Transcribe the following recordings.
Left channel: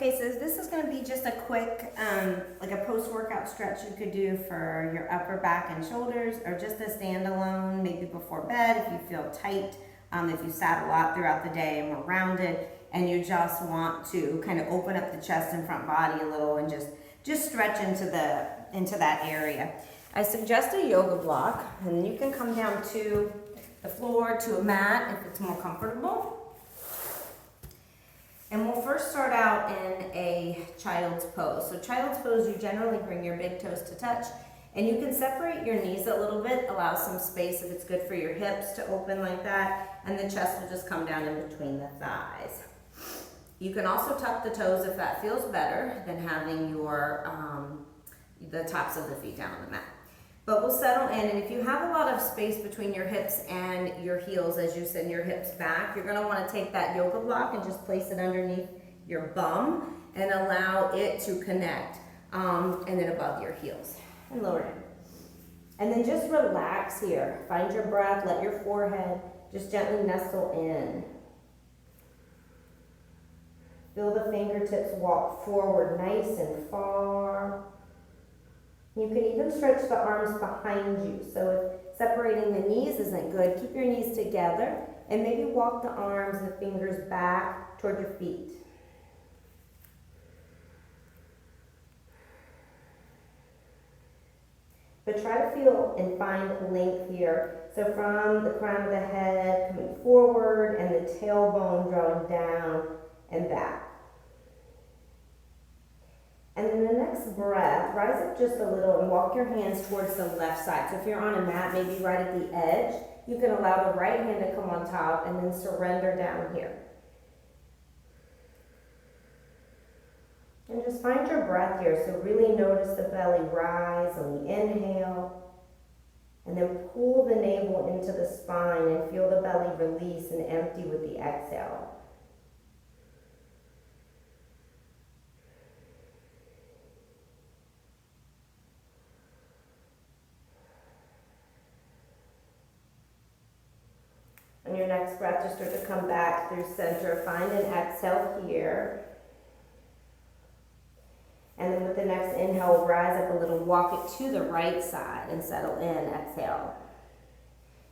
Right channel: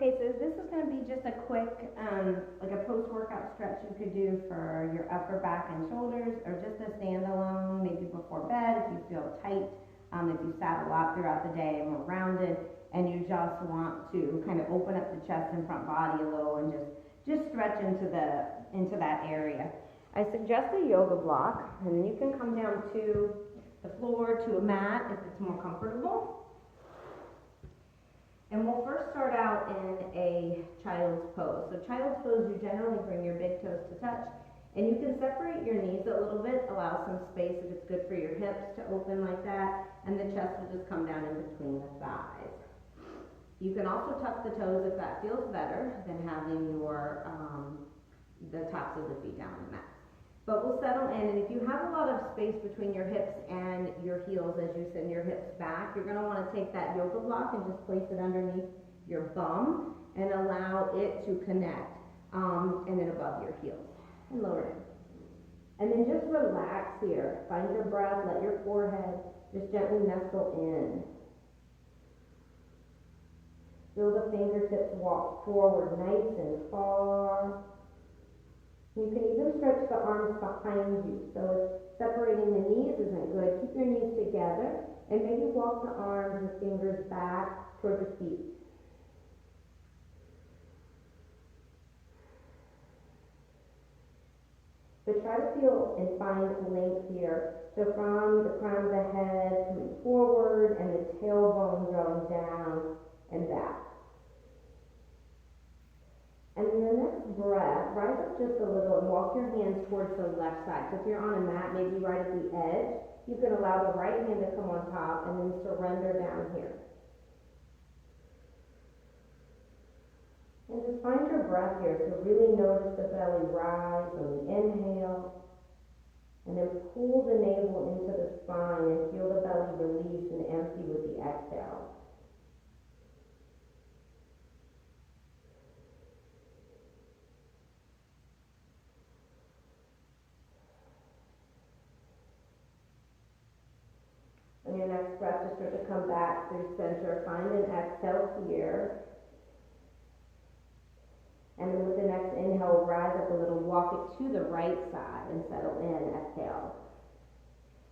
Okay, so this is going to be just a quick, like a post-workout stretch you could do for your upper back and shoulders, or just a standalone, maybe before bed if you feel tight, if you sat a lot throughout the day and were rounded, and you just want to kind of open up the chest and front body a little and just stretch into that area. I suggest a yoga block, and you can come down to the floor, to a mat if it's more comfortable. And we'll first start out in a child's pose. So child's pose, you generally bring your big toes to touch, and you can separate your knees a little bit, allow some space if it's good for your hips to open like that, and the chest will just come down in between the thighs. You can also tuck the toes if that feels better than having your the tops of the feet down on the mat. But we'll settle in, and if you have a lot of space between your hips and your heels as you send your hips back, you're gonna wanna take that yoga block and just place it underneath your bum and allow it to connect, and then above your heels, and lower it. And then just relax here. Find your breath, let your forehead just gently nestle in. Feel the fingertips walk forward nice and far. You can even stretch the arms behind you. So if separating the knees isn't good, keep your knees together and maybe walk the arms and fingers back toward your feet. But try to feel and find length here. So from the crown of the head coming forward and the tailbone drawing down and back. And then the next breath, rise up just a little and walk your hands towards the left side. So if you're on a mat, maybe right at the edge, you can allow the right hand to come on top and then surrender down here. And just find your breath here. So really notice the belly rise on the inhale. And then pull the navel into the spine and feel the belly release and empty with the exhale. On your next breath, just start to come back through center. Find an exhale here. And then with the next inhale, rise up a little, walk it to the right side and settle in, exhale.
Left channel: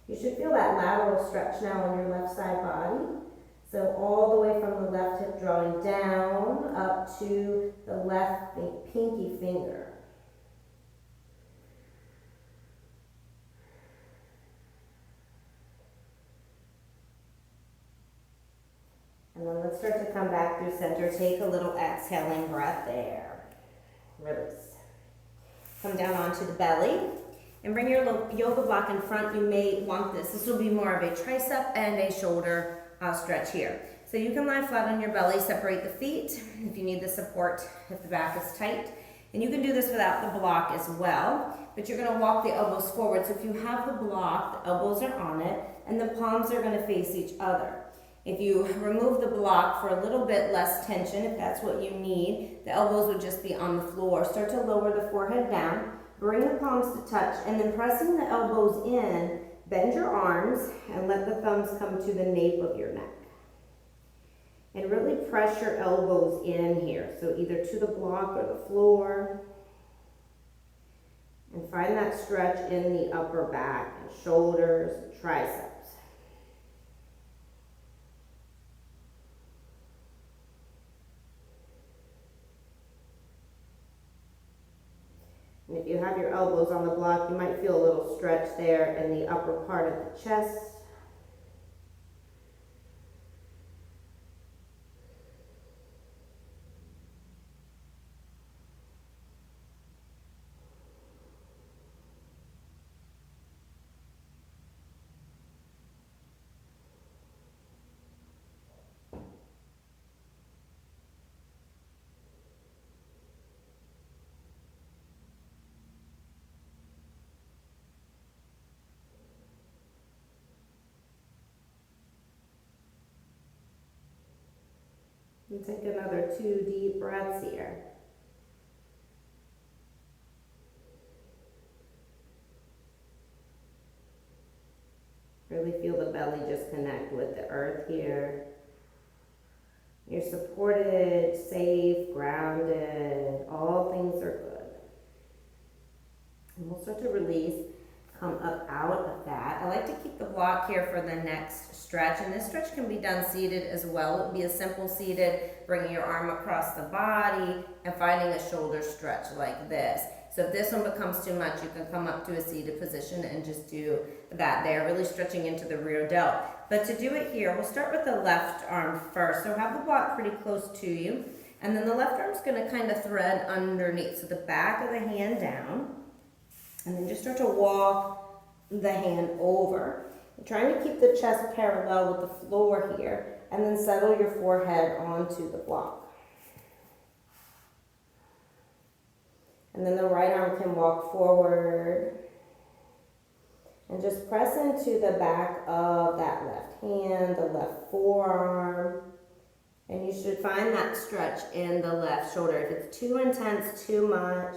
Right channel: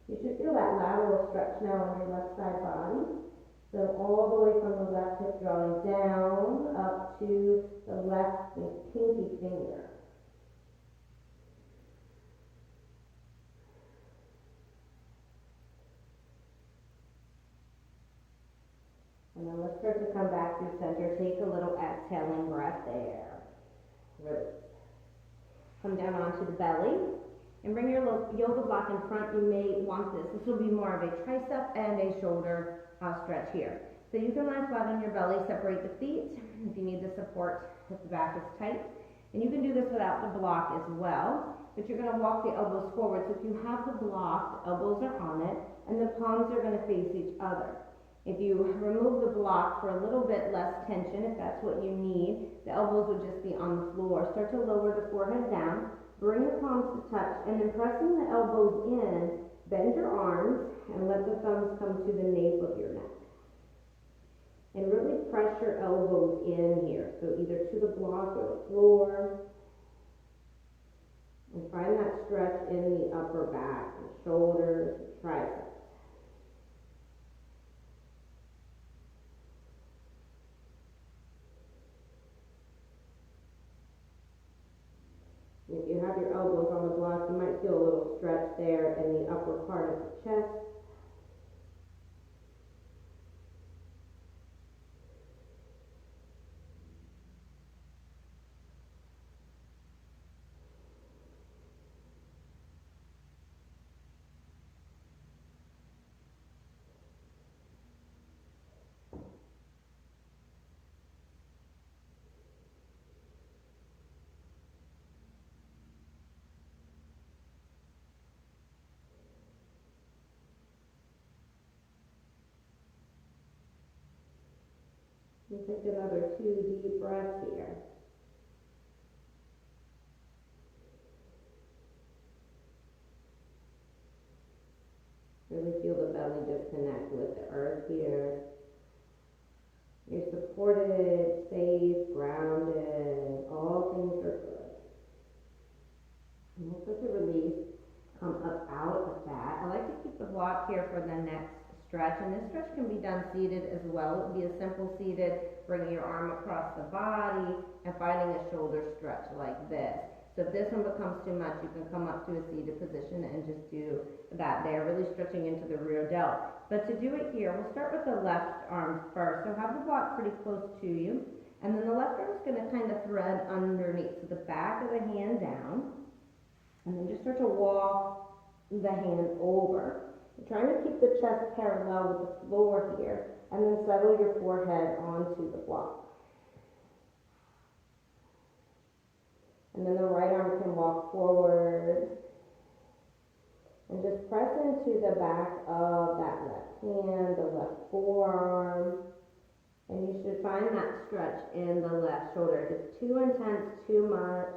You should feel that lateral stretch now on your left side body. So all the way from the left hip drawing down up to the left pinky finger. And then let's start to come back through center. Take a little exhaling breath there. Release. Come down onto the belly and bring your little yoga block in front. You may want this. This will be more of a tricep and a shoulder stretch here. So you can lie flat on your belly, separate the feet if you need the support, if the back is tight. And you can do this without the block as well, but you're gonna walk the elbows forward. So if you have the block, the elbows are on it, and the palms are gonna face each other. If you remove the block for a little bit less tension, if that's what you need, the elbows would just be on the floor. Start to lower the forehead down, bring the palms to touch, and then pressing the elbows in, bend your arms and let the thumbs come to the nape of your neck. And really press your elbows in here, so either to the block or the floor. And find that stretch in the upper back and shoulders and triceps. And if you have your elbows on the block, you might feel a little stretch there in the upper part of the chest. And take another 2 deep breaths here. Really feel the belly just connect with the earth here. You're supported, safe, grounded, all things are good. And we'll start to release, come up out of that. I like to keep the block here for the next stretch, and this stretch can be done seated as well. It would be a simple seated, bringing your arm across the body and finding a shoulder stretch like this. So if this one becomes too much, you can come up to a seated position and just do that there, really stretching into the rear delt. But to do it here, we'll start with the left arm first. So have the block pretty close to you, and then the left arm's gonna kind of thread underneath. So the back of the hand down, and then just start to walk the hand over. You're trying to keep the chest parallel with the floor here, and then settle your forehead onto the block. And then the right arm can walk forward and just press into the back of that left hand, the left forearm. And you should find that stretch in the left shoulder. If it's too intense, too much,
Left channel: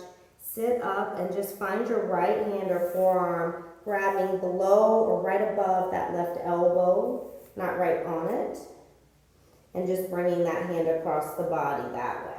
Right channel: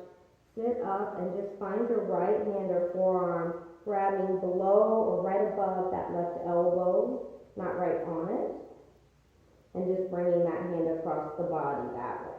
sit up and just find your right hand or forearm grabbing below or right above that left elbow, not right on it. And just bringing that hand across the body that way.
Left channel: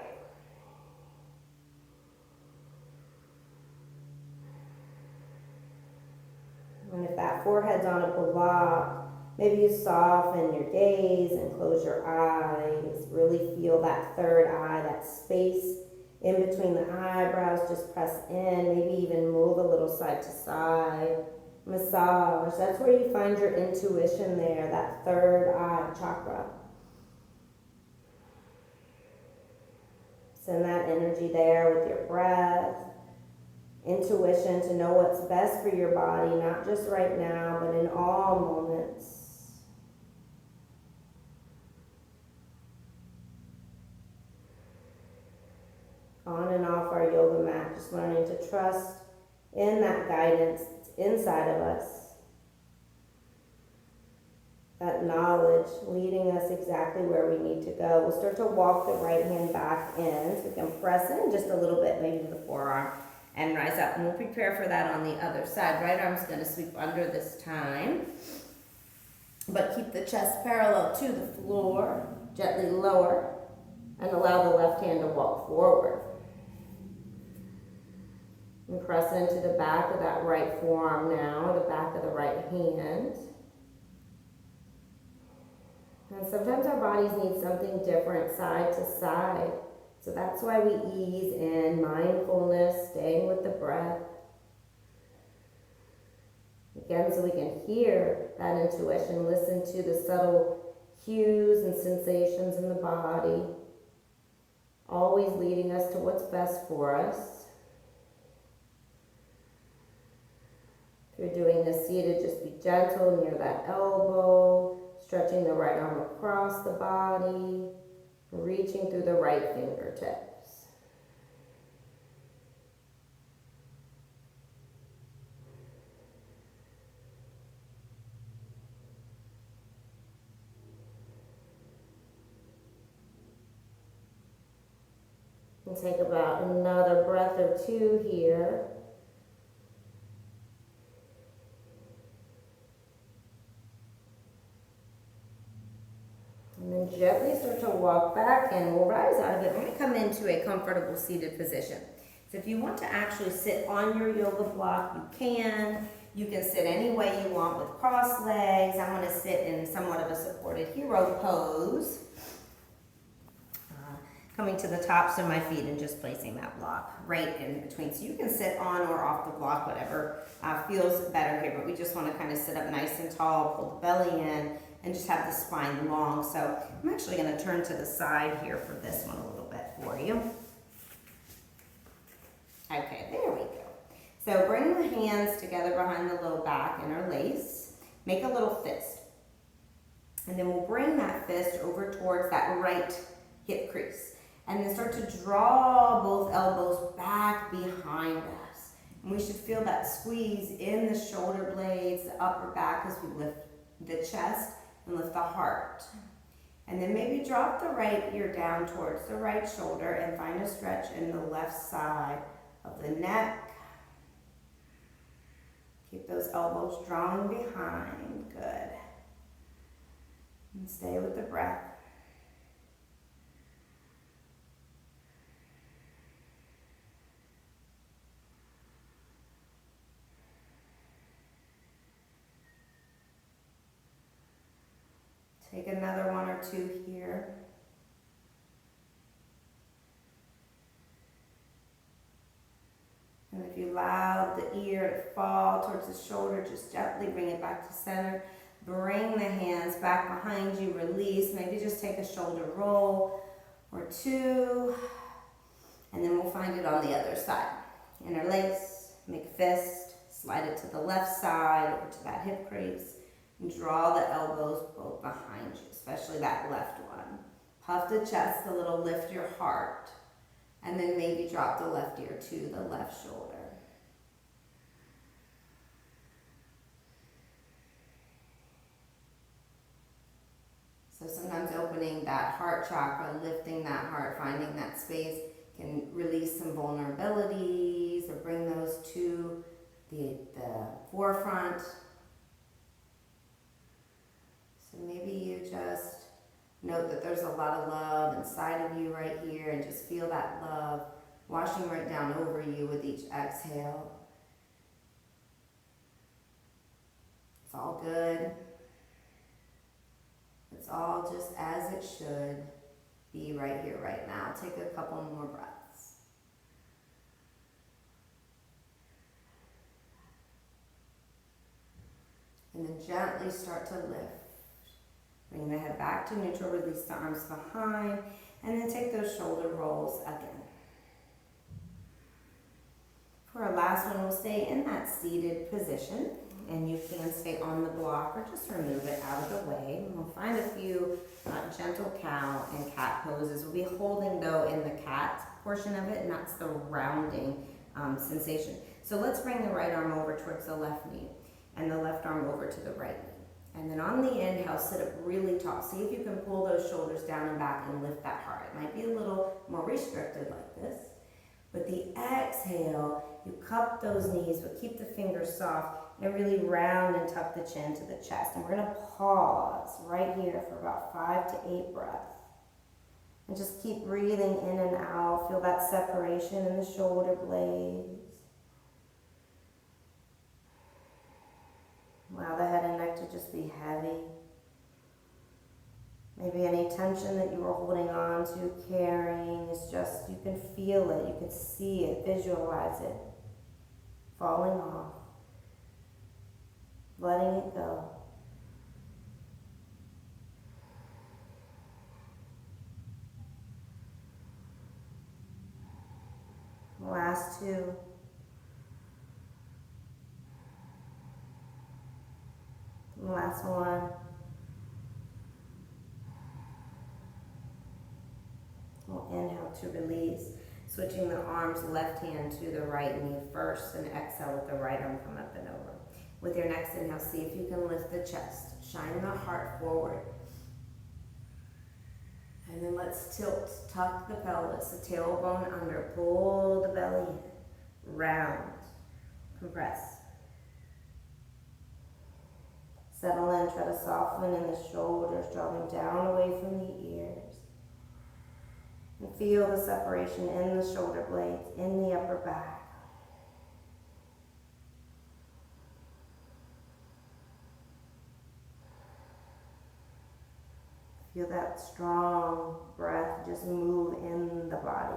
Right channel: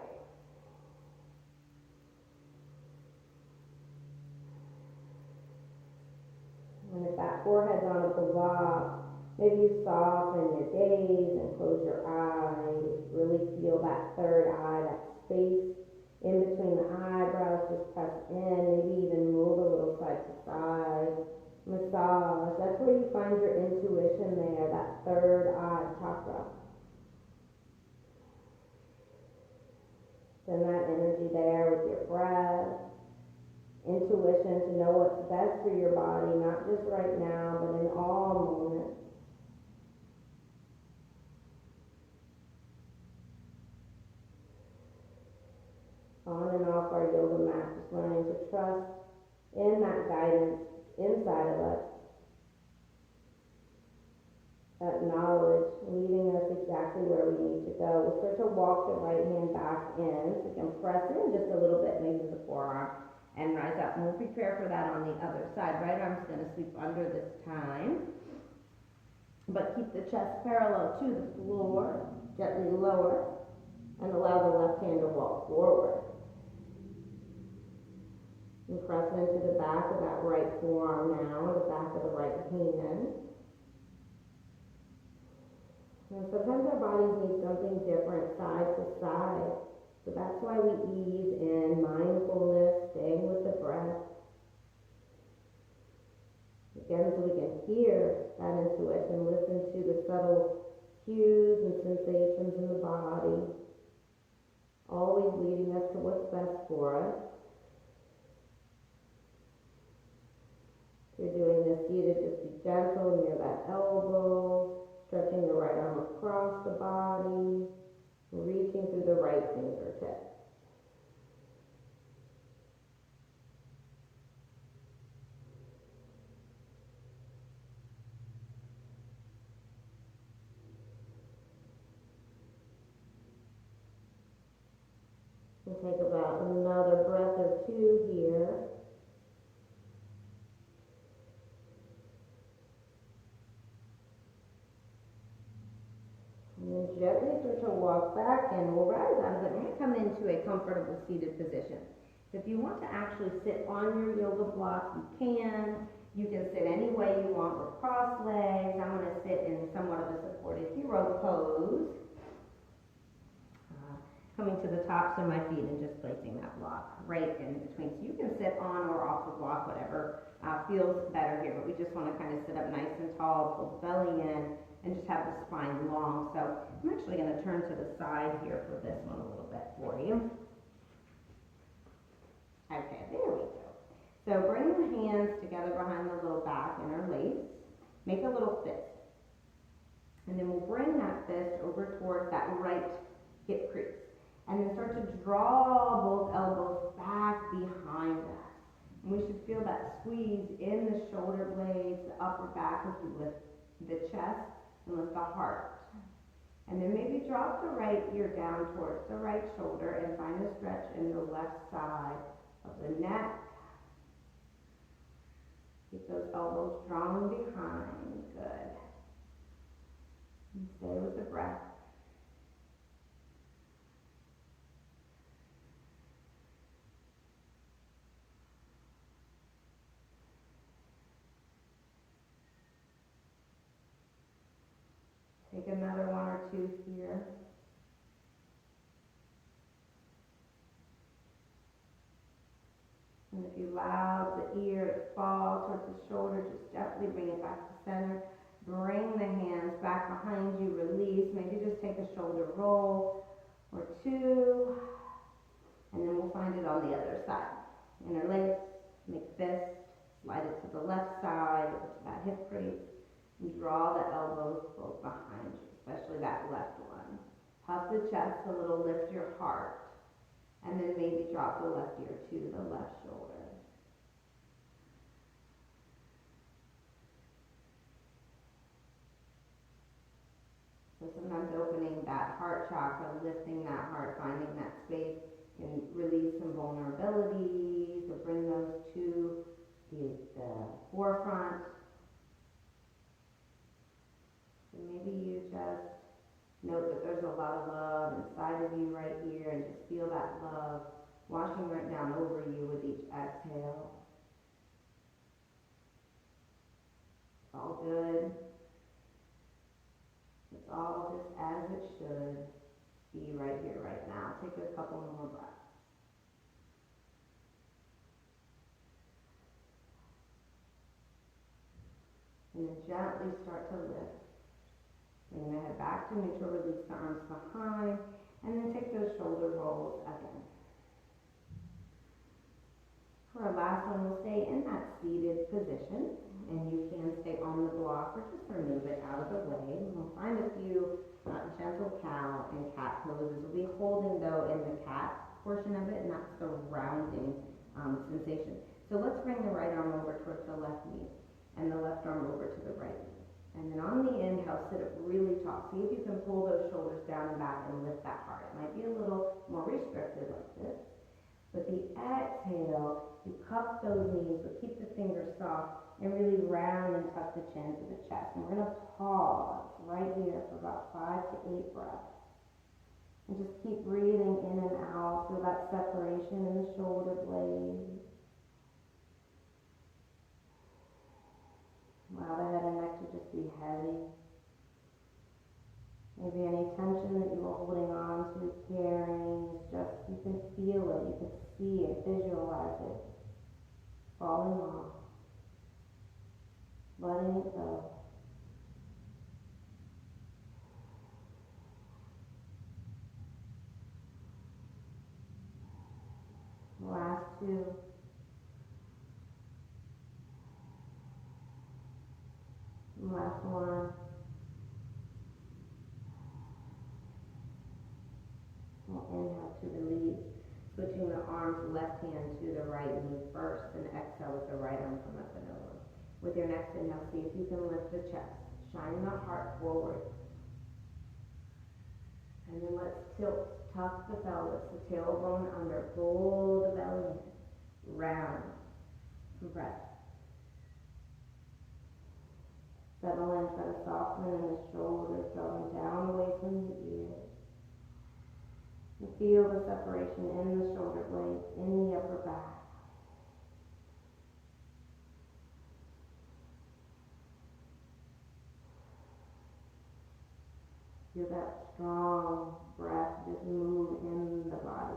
And if that forehead's on a block, maybe you soften your gaze and close your eyes. Really feel that third eye, that space in between the eyebrows. Just press in, maybe even move a little side to side. Massage. That's where you find your intuition there, that third eye chakra. Send that energy there with your breath. Intuition to know what's best for your body, not just right now, but in all moments. On and off our yoga mat, just learning to trust in that guidance that's inside of us. That knowledge leading us exactly where we need to go. We'll start to walk the right hand back in, so we can press in just a little bit, maybe to the forearm, and rise up. And we'll prepare for that on the other side. Right arm's going to sweep under this time, but keep the chest parallel to the floor. Gently lower and allow the left hand to walk forward. And press into the back of that right forearm now, the back of the right hand. And sometimes our bodies need something different side to side. So that's why we ease in mindfulness, staying with the breath. Again, so we can hear that intuition, listen to the subtle cues and sensations in the body, always leading us to what's best for us. If you're doing this seated, just be gentle near that elbow, stretching the right arm across the body, reaching through the right fingertips. And take about another breath or two here. And then gently start to walk back, and we'll rise out of it. We're going to come into a comfortable seated position. So if you want to actually sit on your yoga block, you can. You can sit any way you want with crossed legs. I'm going to sit in somewhat of a supported hero pose. Coming to the tops of my feet and just placing that block right in between. So you can sit on or off the block, whatever feels better here. But we just want to kind of sit up nice and tall, pull the belly in, and just have the spine long. So I'm actually going to turn to the side here for this one a little bit for you. Okay, there we go. So bring the hands together behind the low back, interlace. Make a little fist. And then we'll bring that fist over towards that right hip crease. And then start to draw both elbows back behind us. And we should feel that squeeze in the shoulder blades, the upper back as we lift the chest and lift the heart. And then maybe drop the right ear down towards the right shoulder and find a stretch in the left side of the neck. Keep those elbows drawn behind. Good. And stay with the breath. Take another one or two here. And if you allow the ear to fall towards the shoulder, just gently bring it back to center. Bring the hands back behind you, release. Maybe just take a shoulder roll or two. And then we'll find it on the other side. Interlace, make a fist, slide it to the left side or to that hip crease. And draw the elbows both behind you, especially that left one. Puff the chest a little, lift your heart. And then maybe drop the left ear to the left shoulder. So sometimes opening that heart chakra, lifting that heart, finding that space can release some vulnerabilities or bring those to the forefront. So maybe you just note that there's a lot of love inside of you right here and just feel that love washing right down over you with each exhale. It's all good. It's all just as it should be right here, right now. Take a couple more breaths. And then gently start to lift. Bring the head back to neutral, release the arms behind, and then take those shoulder rolls again. For our last one, we'll stay in that seated position, and you can stay on the block or just remove it out of the way. We'll find a few gentle cow and cat poses. We'll be holding though in the cat portion of it, and that's the rounding sensation. So let's bring the right arm over towards the left knee and the left arm over to the right knee. And then on the inhale, sit up really tall. See if you can pull those shoulders down and back and lift that heart. It might be a little more restricted like this. With the exhale, you cup those knees, but keep the fingers soft and really round and tuck the chin to the chest. And we're going to pause right here for about 5 to 8 breaths. And just keep breathing in and out. Feel that separation in the shoulder blades. Allow the head and neck to just be heavy. Maybe any tension that you were holding on to, carrying, is just, you can feel it, you can see it, visualize it, falling off, letting it go. Last two. Last one. We'll inhale to release. Switching the arms, left hand to the right knee first, and exhale with the right arm come up and over. With your next inhale, see if you can lift the chest. Shine the heart forward. And then let's tilt, tuck the pelvis, the tailbone under, pull the belly in, round, compress. Settle in, try to soften in the shoulders, draw them down away from the ears. And feel the separation in the shoulder blades, in the upper back. Feel that strong breath just move in the body.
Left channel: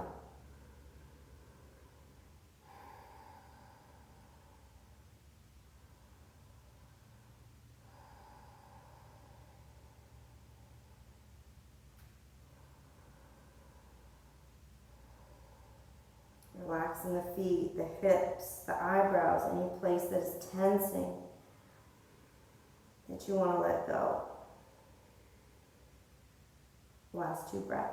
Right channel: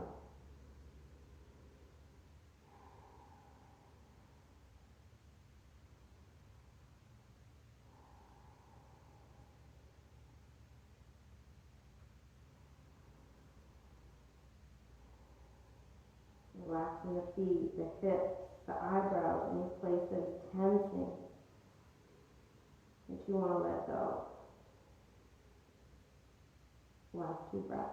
Relaxing the feet, the hips, the eyebrows, any place that is tensing that you want to let go. Last 2 breaths.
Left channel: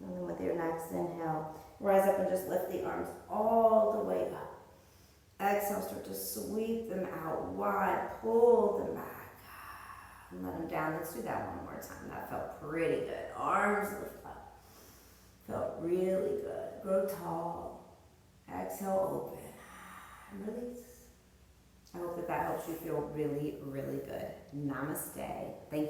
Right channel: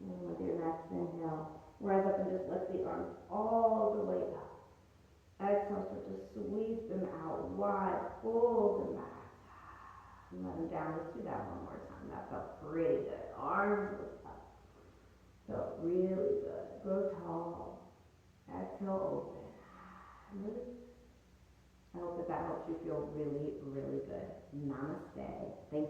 And then with your next inhale, rise up and just lift the arms all the way up. Exhale, start to sweep them out wide, pull them back, and let them down. Let's do that one more time. That felt pretty good. Arms lift up. Felt really good. Grow tall. Exhale, open. And release. I hope that helps you feel really, really good. Namaste. Thank you.